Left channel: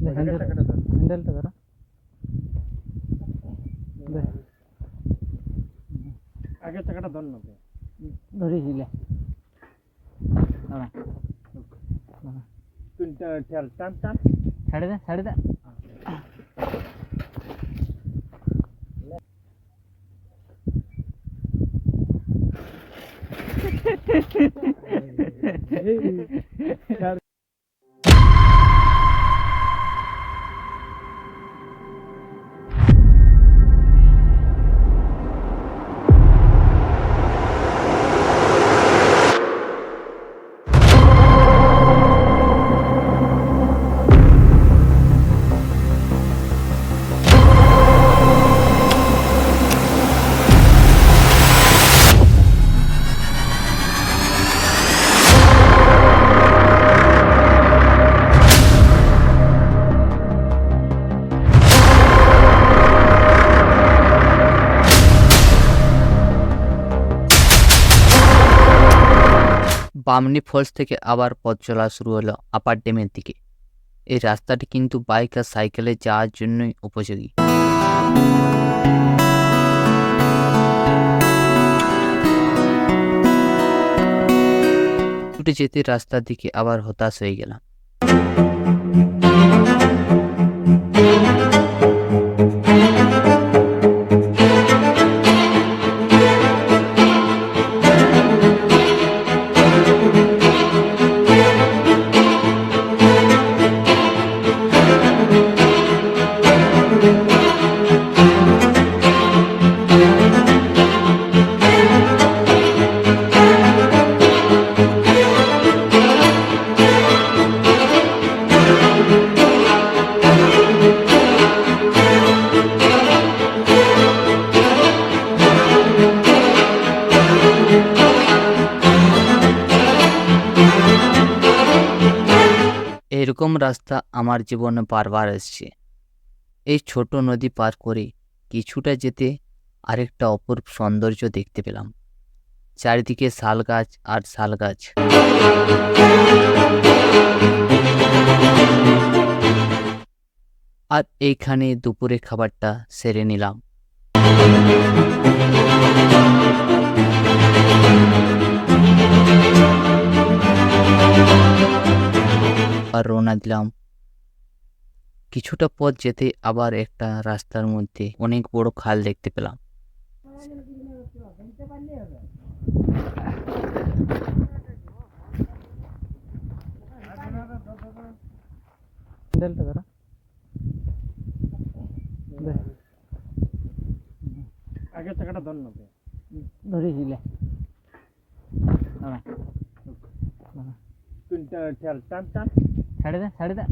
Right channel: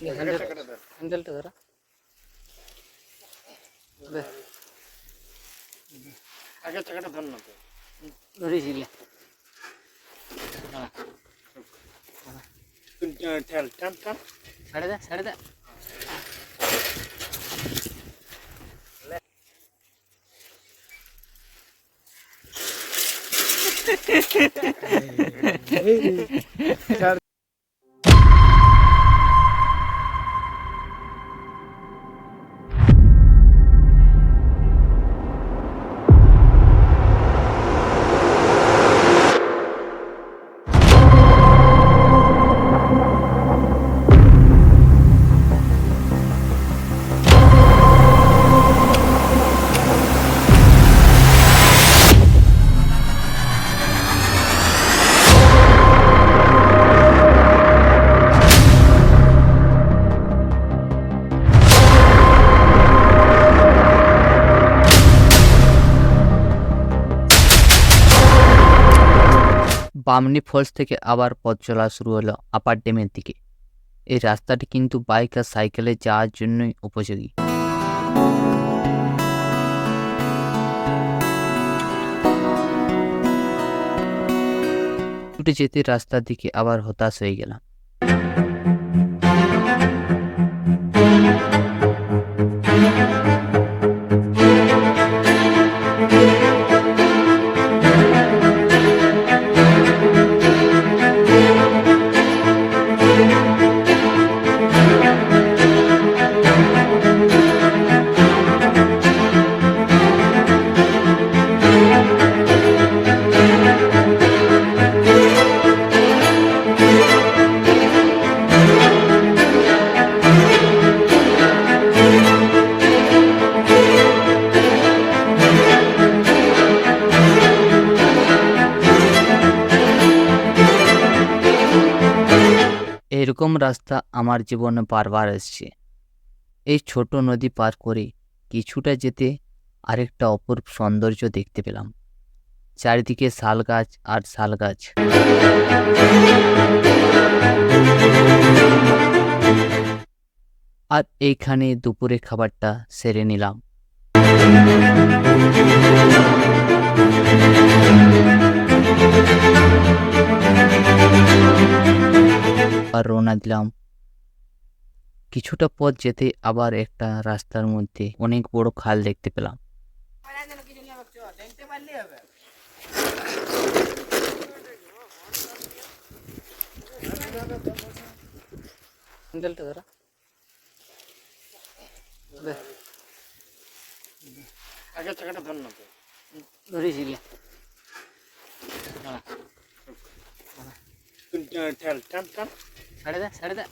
হ্যান্ডেলটা ধরো আগে চাকাটা ধর না তো ধরেছি ঠেল টান টান সাড়ে দে বামনি ফলস থেকে আবার পথ চলা শুরু হলো আপার ড্যামের দিকে। এই রাস্তাটি কিন্তু বাইক আর সাইকেলে যাওয়ার জন্যই উপযোগী। ছুটে যেতে রাস্তার দিকে আবার হতাশ হয়ে গেলাম। এরকম রাস্তা আমার জীবনে বারবার এসছে। এই ছোট নদী পার করে কিছুটা যেতে আরেকটা অপূর্ব সৌন্দর্য দেখতে পেলাম। চারিদিকে শাল গাছ আর শাল গাছ। আর এইখানে দুপুরে খাবারটা সেরে নিলাম। আর রওনা দিলাম। কিছুটা পথ যেতে আবার একটা রাস্তার মধ্যে অনেক বড় খাল দেখতে পেলাম। আগে চাকাটা ধর না তো ধরেছি ঠেল টান টান সাড়ে দে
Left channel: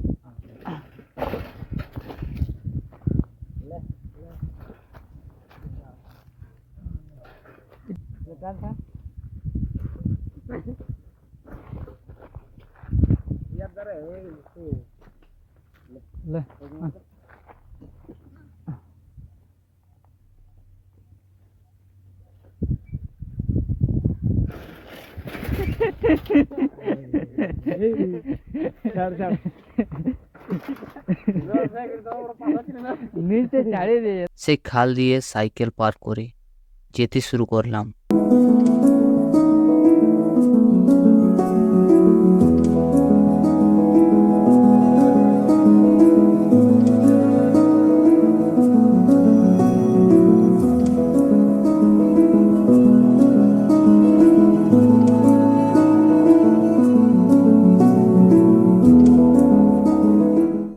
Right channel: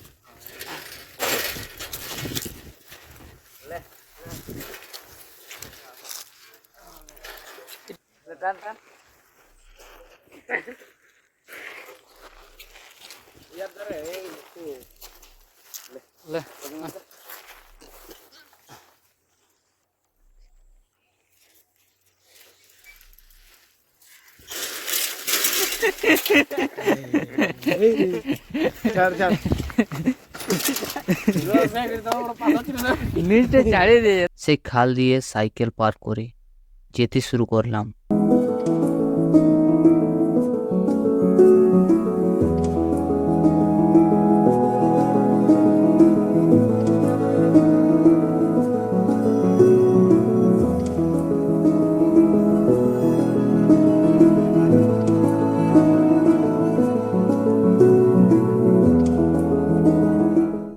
সেই খাল দিয়ে সাইকেল পার করে যেতে শুরু করলাম।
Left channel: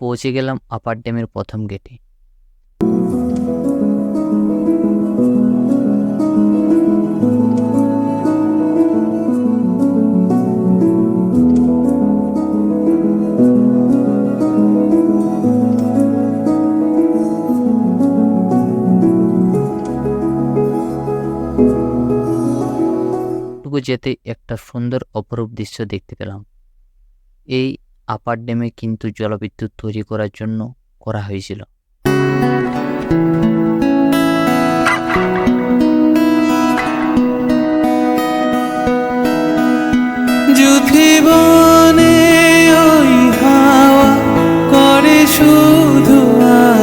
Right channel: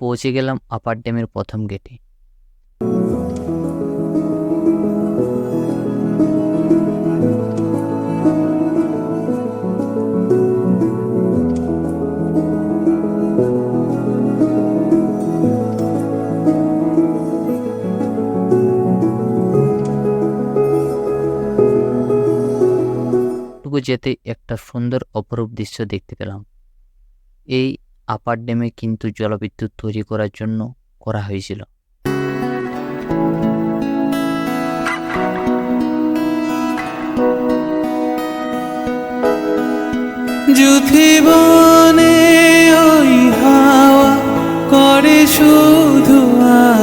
পৌঁছে গেলাম আপার ড্যামের প্রথম গেটে। টুকু যেতে একটা সুন্দর অপরূপ দৃশ্য দেখতে পেলাম। এই আপার ড্যামে কিন্তু জলবিদ্যুৎ তৈরি করার জন্য করা হয়েছিল। যুথি বনে ওই হাওয়া করে শুধু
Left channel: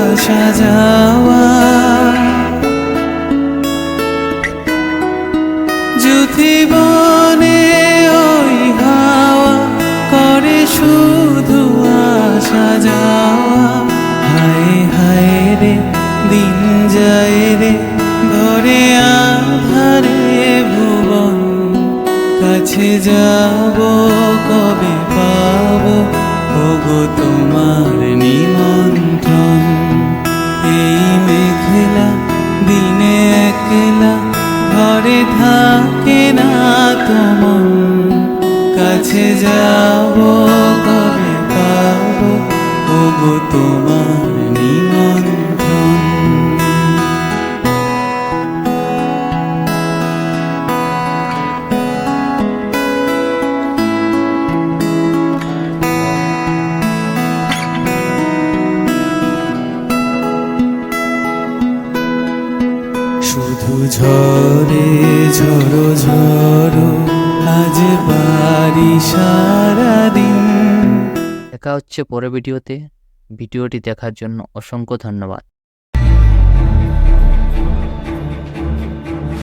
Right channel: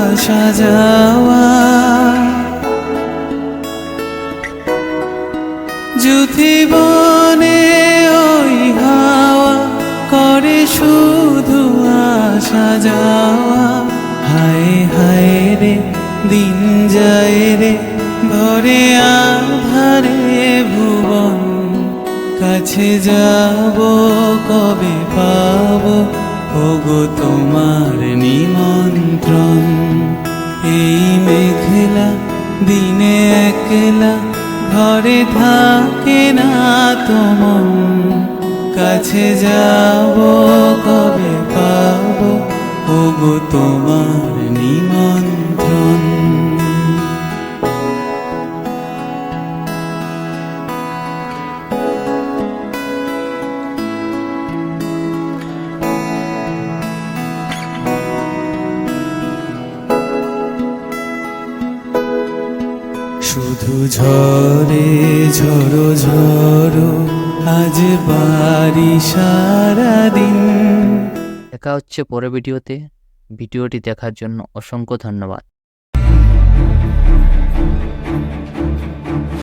আসা যাওয়া, যদি বনে ওই হাওয়া করে শুধু আসা যাওয়া। হায় হায় রে দিন যায় রে ভরে আধারে ভুবন, কাছে যাব কবে পাবো ওগো তোমার নিমন্ত্রণ। এই মেঘলা দিনে একলা ঘরে থাকে না তোমার, কাছে যাব কবে পাবো ওগো তোমার নিমন্ত্রণ। শুধু ঝরে ঝড়ো ঝড়ো আজ বাড়ি সারাদিন। দেখা হচ্ছে পরের ভিডিওতে। ভিডিওটি দেখার জন্য অসংখ্য ধন্যবাদ।